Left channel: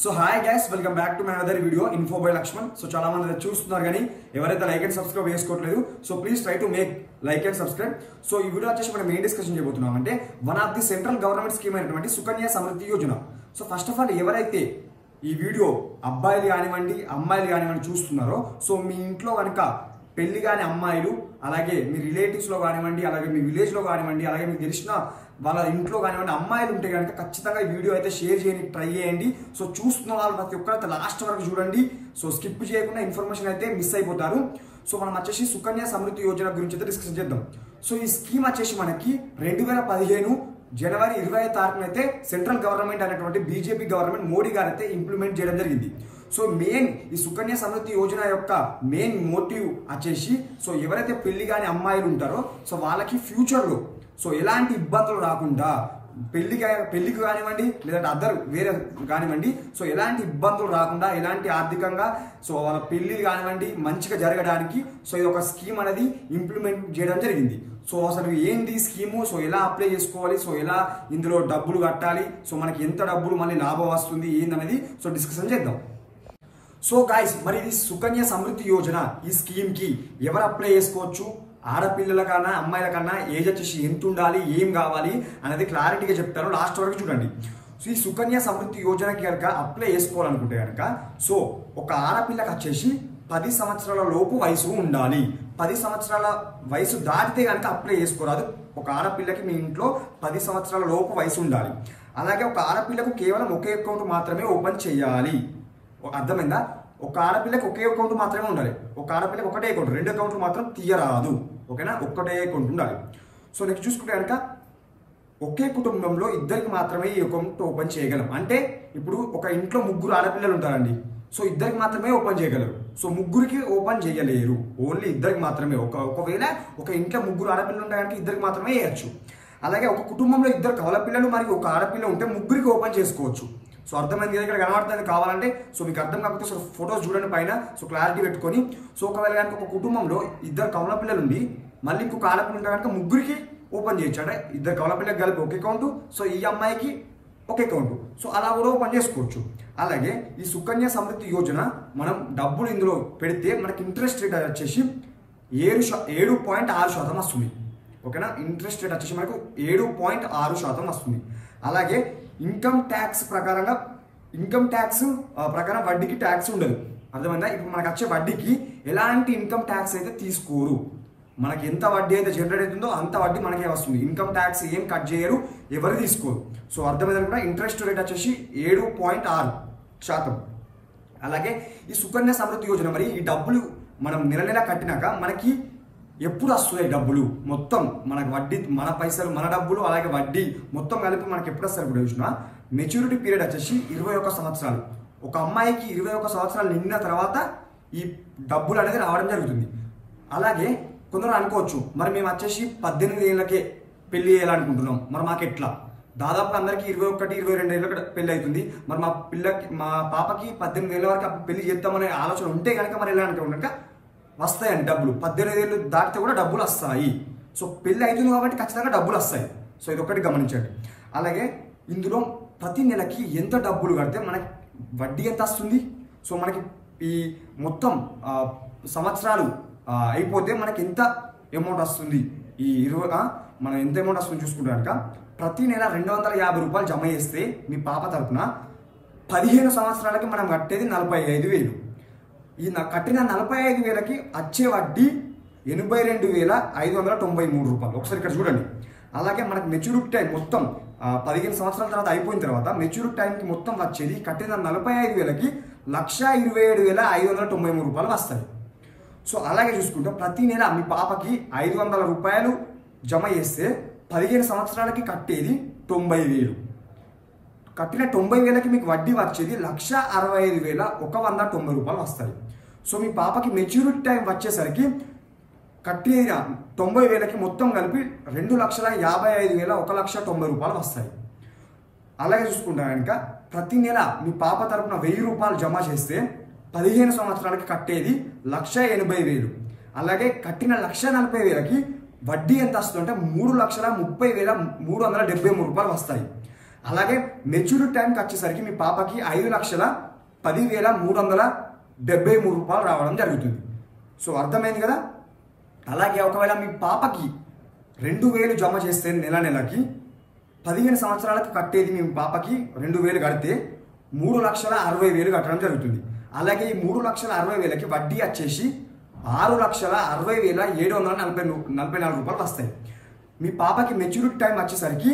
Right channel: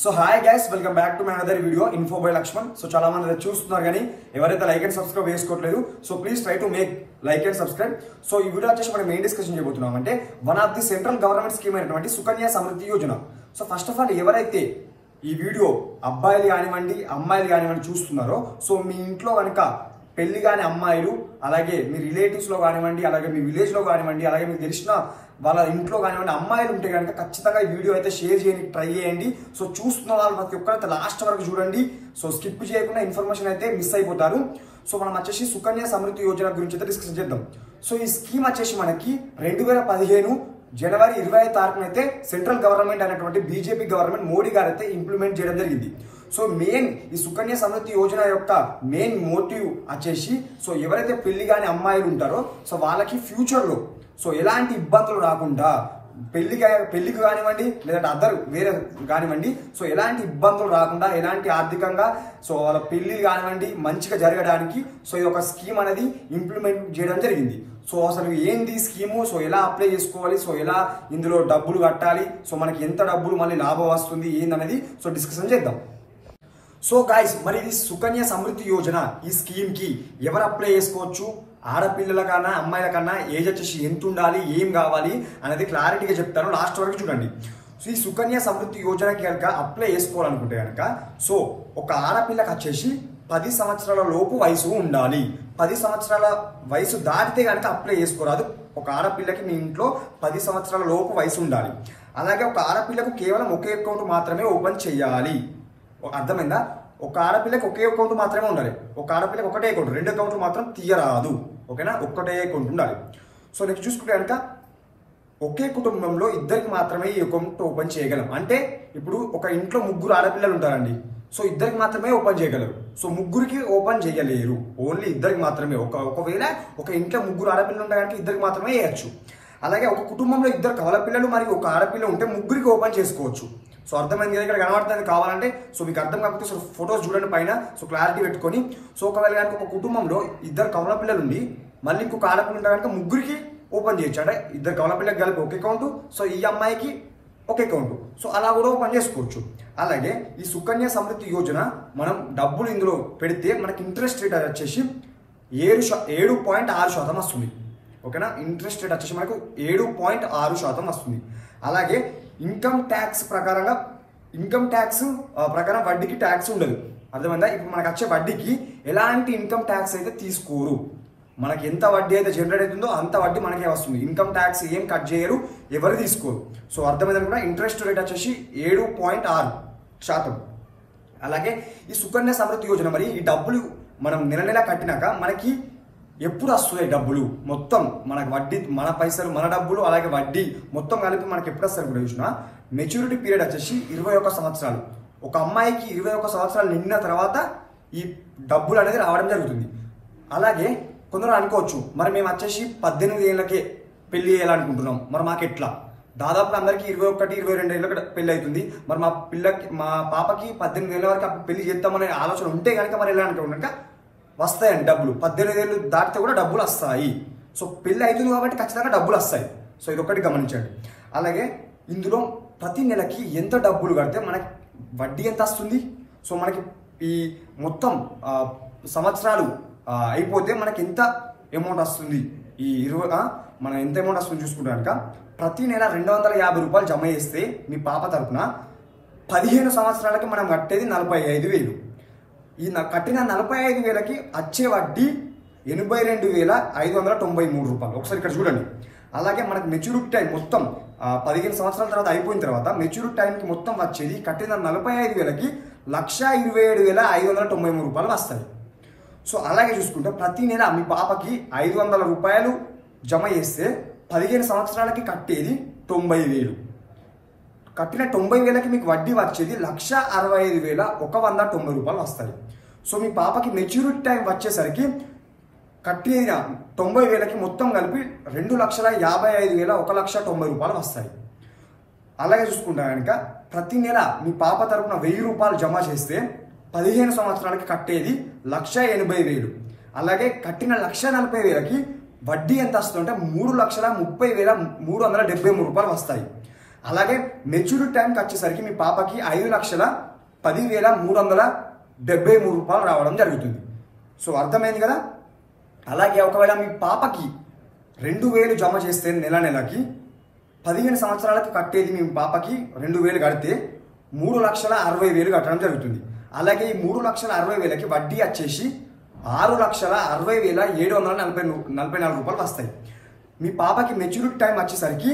So hi guys, welcome back to my other video info by Lakshman. So చాలా మంది చూస్తున్నారు కానీ ఎవరైతే లైక్ అండ్ సబ్స్క్రైబ్ చేసుకోవట్లేదు, so please try to make like and subscribe. So ఈ video వచ్చేసి మనం మెయిన్ డిస్కషన్ చేయబోతున్నాం అంటే one of the central government scheme అయినటువంటి Sukanya Samriddhi Yojana. So first of all ఎవరైతే ఈ వీడియో అబ్బాయిలు కానివ్వండి అమ్మాయిలు కానివ్వండి చూస్తున్నారో, సో మీ ఇంట్లో కనుక పెళ్లి కాని అమ్మాయిలు, అలాగే మీ రిలేటివ్స్ లో కానివ్వండి, అలాగే మీ విలేజ్ లో కానివ్వండి, అలాగే మీకు తెలిసిన వాళ్ళ ఇంట్లో కానివ్వండి అమ్మాయిలు ఉంటే కనుక ఖచ్చితంగా ఈ వీడియో అయితే షేర్ చేయడానికి ట్రై చేయండి. సో చూస్తున్న వాళ్ళు ప్రతి ఒక్కరైతే లాస్ట్ వరకు చూడండి. సో స్కిప్ చేయకుండా ఇన్ఫర్మేషన్ అయితే మిస్ అయిపోతారు. సో మనం వచ్చేసి సుకన్య సమృద్ధి యోజన గురించి అయితే డిస్కస్ చేద్దాం. సో ఈ స్కీమ్ వచ్చేసి మనకి 2015 జనవరి 25 తారీఖున అయితే సెంట్రల్ గవర్నమెంట్ అనేటువంటి బీజేపీ గవర్నమెంట్ మోడీ గారు అయితే ఇంప్లిమెంట్ చేయడం జరిగింది. సో మెయిన్ ఈ సుకన్య సమృద్ధి యోజన యొక్క మెయిన్ మోటివ్ వచ్చేసి, సో ఎవరైతే పెళ్లి కాని అమ్మాయిలు ఉంటారో సో వాళ్ళకి ఫ్యూచర్ లో సో ఎలాంటి ఇబ్బందులు రాకుండా పెళ్లికి కానివ్వండి లేదంటే అదర్ వేరే కానివ్వండి, సో ఎలాంటి ఇబ్బందులు రాకుండా ఎలాంటి ఆర్థికంగా సో వాళ్ళ పెళ్లిలు కానివ్వండి మంచిగా జరగడానికి సో ఇది ఒక స్కీమ్ అనేది ఇంప్లిమెంట్ చేయడం జరిగింది. సో అసలు ఏంటి స్కీము, సో ఎలా అప్లై చేసుకోవాలి, సో ఎలా ఇందులో డబ్బులు కట్టాలి, సో మనకి ఎంత డబ్బులు మళ్ళీ లాభం వస్తుంది ఏందనేది సో డిస్కషన్ చేద్దాం. సో గైస్, మరి ఇది సుకన్య సమృద్ధి యోజన ఈ స్కీమ్ కి ఎవరు అప్లై చేసుకోవచ్చు, ఆడపిల్లల కన్నా అమ్మాయిల కన్నా ఏజ్ వచ్చేసి ఎంత ఉండాలి, ఏం కావాలి అనేది క్లారిటీగా చెప్తాను, లాస్ట్ వరకు చూడండి. సో ఈ సుకన్య సమృద్ధి యోజనకి కనుక అప్లై చేసుకోవాలనుకుంటే కనుక సో ఒక ఆడపిల్లకి వచ్చేసి 10 సంవత్సరాల లోపు వయసు ఉండాలి. 10 సంవత్సరాల వయసు దాటితే కనుక అప్లై చేసుకోరాదు. ఒక ఆడపిల్లకి మీ ఇంట్లో 10 సంవత్సరాల లోపు వయసు ఉండాలి. అలాగే ఒక ఆడపిల్లకు కేవలం ఒకే అకౌంట్ మాత్రమే ఓపెన్ చేయాలి. అర్థమైందా? ఒక ఆడపిల్లకి ఒకే అకౌంట్ మాత్రమే ఉండాలి. ఒక ఆడపిల్లకి ఒకటే అకౌంట్, 2 అకౌంట్లు మాత్రం తీయరాదు. ఓకేనా? ఒక్కటే అకౌంట్ ఉండాలి. సో నెక్స్ట్ చూసుకుంటే కనుక ఒకే కుటుంబంలో ఇద్దరికి మాత్రమే ఈ అకౌంట్ ఓపెన్ చేయగలం. అంటే ఇప్పుడు ఒక ఇంట్లో 3 ఆడపిల్లలు ఉంటారండి, సో ఇద్దరికి మాత్రమే ఓపెన్ చేయగలరు. సో ముగ్గురికి ఓపెన్ చేయలేరు, ఓన్లీ ఇద్దరికి మాత్రమే. ఒకవేళ ఒక ఇంట్లో 3 ఆడపిల్లలు ఉంటాయి కనుక ఇద్దరికి మాత్రమే వేయచ్చు. అలాగే ఒక కుటుంబంలో 2 కవల పిల్లలు మరియు ఒక ఆడపిల్ల ఉంటే ముగ్గురికి ఓపెన్ చేసుకోవచ్చు. సో అర్థమైంది కదా? ఇక్కడ కనబడుతుంది కావాలంటే. సో మీకు అర్థం కాకపోతే సో ఫొటోస్ చూడండి పైన, సో క్లారిటీ పెట్టుకొని. సో ఒకవేళ కనుక ఒక కుటుంబంలో 2 కవల పిల్లలు ఉండి మళ్ళీ ఇంకొక ఆడపిల్ల ఉంటే కనుక ముగ్గురికి ఓపెన్ చేయొచ్చు. అంటే 2 కవల పిల్లకి కలిపి ఒక అకౌంట్, సో ఈ అమ్మాయికి ఒక అకౌంట్, సో అలా కూడా ఓపెన్ చేసుకోవచ్చు. అలాగే ఈ సుకన్య సమృద్ధి యోజన మనం డబ్బులు ఇందులో పెడితే మనకి ఇంట్రెస్ట్ రేట్ వచ్చేసి 7.6% వస్తుంది. ఓకేనా? ఇంట్రెస్ట్ రేట్ వచ్చేసి మనకు 7.6% వస్తుంది. అలాగే ఇన్కమ్ ట్యాక్స్ ప్రకారం వడ్డీకి ట్యాక్స్ ఉండదు. అర్థమైందా? ఇప్పుడు మనకు వచ్చే వడ్డీకి ఎలాంటి ఇన్కమ్ ట్యాక్స్ అయితే తీసుకోరు. మనకి ఎంత వడ్డీ అయితే జనరేట్ అవుతుందో అంత వడ్డీ మనకే వస్తుంది. ఇన్కమ్ ట్యాక్స్ ఏం కట్ చేయరు, ఎవరు తీసుకోరు. సో అర్థమైంది కూడా. ఇంట్రెస్ట్ రేట్ వచ్చేసి 7.6%. అలాగే ఈ సుకన్య సమృద్ధి యోజన మరి ఈ డబ్బులు మనం నెల కట్టినాక మనకి ఎప్పుడు వస్తున్నాయి డబ్బులు, మొత్తం మనకు వడ్డీ, మన పైసలు, మన డబ్బులు, అలాగే వడ్డీ మొత్తం కలిపి మనకి ఎప్పుడు వస్తారు కూడా చూసినా మెచ్యూరిటీ పీరియడ్ వచ్చేసి 21 సంవత్సరాలు. ఒక అమ్మాయికి 21 సంవత్సరాలు నిండిన తర్వాత ఈ డబ్బులు అనేది రావడం జరుగుతుంది. అలాగే కొందరు అనుకోవచ్చు, మరి మేము వచ్చేసి 18 ఏళ్ళకే పెళ్లి చేయాలనుకుంటున్నాం, మరి మాకు ఎట్లా? దాదాపు అందరికి 21, 22 ఏళ్ళకి పెళ్లి అవుతుంది. మరి మా పాపకి 18 ఏళ్ళ వరకు అప్పుడు పెళ్లి చేద్దామనే ఆలోచన ఉంటే కనుక మరి ఎలా అనుకుంటున్నాక వస్తాయండి డబ్బులు. 18 ఏళ్ళు దాటితే కూడా డబ్బులు వస్తాయి. సో పెళ్లి అవుతుంది కాబట్టి ఖచ్చితంగా డబ్బులు వస్తాయి. సో ఇది ఒకటి గమనించండి. అలాగే ఇందులో ప్రతి నెలకి ఎంత డబ్బులు కడితే మనకి వడ్డీ ఎంత వస్తుంది, సో మనకి ఈ మొత్తం సంవత్సరాలు అయిపోతే మనకి ఎంత అమౌంట్ వస్తుంది, ఈ మనం ఎంత అమౌంట్ వస్తుంది చూసుకుంటే కనుక ప్రతి నెల 250 రూపాయలు జమ చేస్తే మీ పాప తరఫున 15 సంవత్సరాలకి మనం కట్టేది 45,000. ఈ కట్టిన 45,000కి వచ్చే వడ్డీ 82,593 రూపాయలు. ఒకసారి ఇక్కడ చూడండి. అలాగే మనకి మెచ్యూరిటీ టైం మొత్తం 15 సంవత్సరాల తర్వాత అయిపోయిన తర్వాత మెచ్యూరిటీ టైంకి మొత్తం వచ్చేది కట్టిన 45,000కి 127,593 రూపాయలు వస్తాయి. సో అలాగే చూసుకుంటే ప్రతి నెల మీ పాపకి 500 రూపాయలు జమ చేస్తే 15 సంవత్సరాలకి కట్టేది 90,000. కట్టిన 90,000కి మీకు వడ్డీ వచ్చేది 165,190 రూపాయలు వస్తుంది. సో మీ పాపకి మెచ్యూరిటీ టైం వచ్చేసరికి కట్టిన 90,000కి మొత్తం కలిపి 2,55,190 రూపాయలు వస్తాయి. అలాగే చూసుకుంటా కనుక ప్రతి నెల మీ పాప తరపున 1,000 రూపాయలు జమ చేస్తే 15 సంవత్సరాలకి కట్టేది 1,80,000. అలాగే కట్టిన 1,40,000కి వడ్డీ ఎంత వస్తుందంటే 3,30,373 రూపాయలు వస్తాయి. అలాగే మెచ్యూరిటీ టైంకి వచ్చేసరికి మీ పాపకి 5,10,373 రూపాయలు రావడం జరుగుతుంది. సో అర్థమైంది కదా. అలాగే ఒకవేళ మీ పాపకి 2,000 జమ చేస్తే నెలకి 15 సంవత్సరాలకు కట్టేది మీ పాపకి 2,000 కడితే 3,60,000 కట్టడం జరుగుతుంది. అలాగే ఈ 3,60,000కి వడ్డీ వచ్చేసి 6,60,744 రూపాయలు వస్తాయి. మీ పాపకి మెచ్యూరిటీ టైం వచ్చేసరికి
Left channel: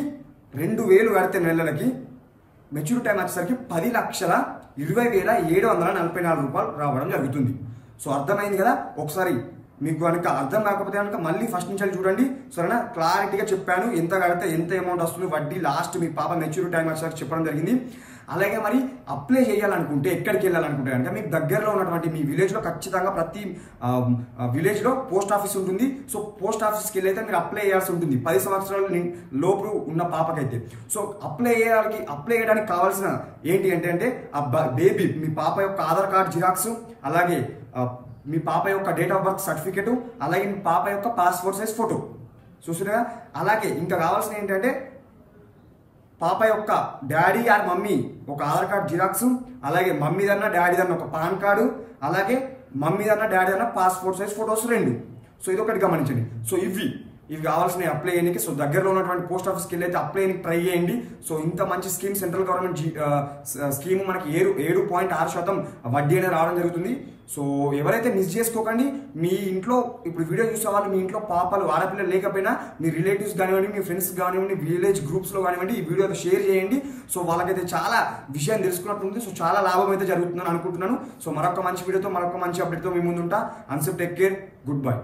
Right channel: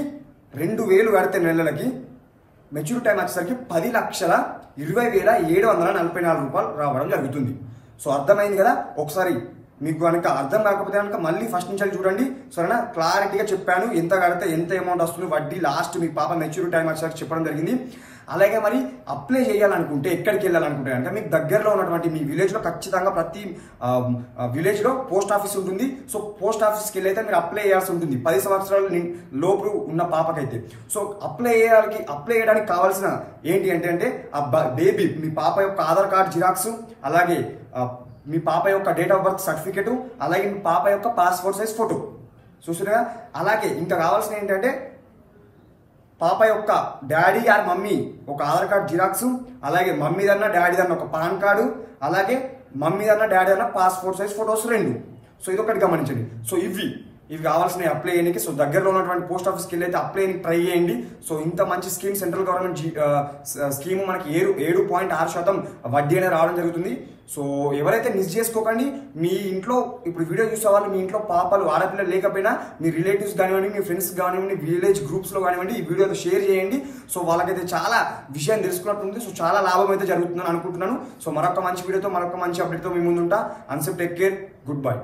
2,000 కడితే నెలలకి మెచ్యూరిటీ టైం వచ్చేసరికి 10,20,744 రూపాయలు రావడం జరుగుతుంది. సో అర్థమైంది కదా. ఒకసారి మీకు కనుక అర్థం కాకపోతే కనుక మళ్ళీ ఫస్ట్ నుంచి చూడండి. సరేనా, క్లారిటీగా చెప్పాను. ఎంత కడితే ఎంత అమౌంట్ వస్తుంది వడ్డీ లాస్ట్ మీ పాప మెచ్యూరిటీ టైం వచ్చేసరికి చెప్పడం జరిగింది. అలాగే మరి అప్లై చేయాలనుకుంటే ఎక్కడికి వెళ్ళాలనుకుంటే కనుక మీకు దగ్గరలో ఉన్నటువంటి మీ విలేజ్ లో ఖచ్చితంగా ప్రతి విలేజ్ లో పోస్ట్ ఆఫీస్ ఉంటుంది. సో పోస్ట్ ఆఫీస్కి వెళ్ళైతే మీరు అప్లై చేయాల్సి ఉంటుంది 10 సంవత్సరాల లోపు ఉన్న పాపకైతే. సో అప్లై చేయడానికి కావాల్సిన ఏంటి అంటే ఆ బేబీ మీ పాప యొక్క ఆధార్ కార్డ్ జిరాక్స్, అలాగే మీ పాప యొక్క డేట్ ఆఫ్ బర్త్ సర్టిఫికేట్, అలాగే మీ పాప యొక్క పాస్పోర్ట్ సైజ్ ఫోటో చూసారుగా. అలాగే ఇంకా కావాల్సిన ఏంటంటే పాప యొక్క డాడీ ఆర్ మమ్మీ ఒక ఆధార్ కార్డ్ జిరాక్స్, అలాగే మమ్మీదన్న డాడీదన్న ఒక పాన్ కార్డు, అలాగే మమ్మీదన్న డాడీ అన్న పాస్పోర్ట్ సైజ్ ఫోటోస్ 2. సో ఇది ఒకటి గమనించండి. సో ఇవి కావాల్సినవి అప్లై చేయడానికి. సో దగ్గరలో ఉన్నటువంటి పోస్ట్ ఆఫీస్కి వెళ్ళి అయితే అప్లై చేయడానికి ట్రై చేయండి. సో ఇంత మంచి స్కీమ్ సెంట్రల్ గవర్నమెంట్ స్కీమ్ మనకి 7.6% వడ్డీ అనేది రావడం జరుగుతుంది. సో ఎవరైతే మిస్ చేసుకోకండి. మీ ఇంట్లో ఇప్పుడు వీడియో చూసే వాళ్ళు మీ ఇంట్లో పాపలు ఆడపిల్లలు లేకపోయినా మీ రిలేటివ్స్ కానివ్వండి, మీ ఫ్రెండ్స్ కానివ్వండి, విలేజ్ గ్రూప్స్ లో కానివ్వండి ఈ వీడియో షేర్ చేయండి. సో వాళ్ళకైతే చాలా విషయం తెలుసుకున్నట్టుంది. సో చాలా లాభం అయితే జరుగుతుందని అనుకుంటున్నాను. సో మరొక మంచి వీడియోతో మరొక మంచి అప్డేట్తో మీ ముందు ఉంటా. అన్సెప్ టేక్ కేర్, గుడ్ బై.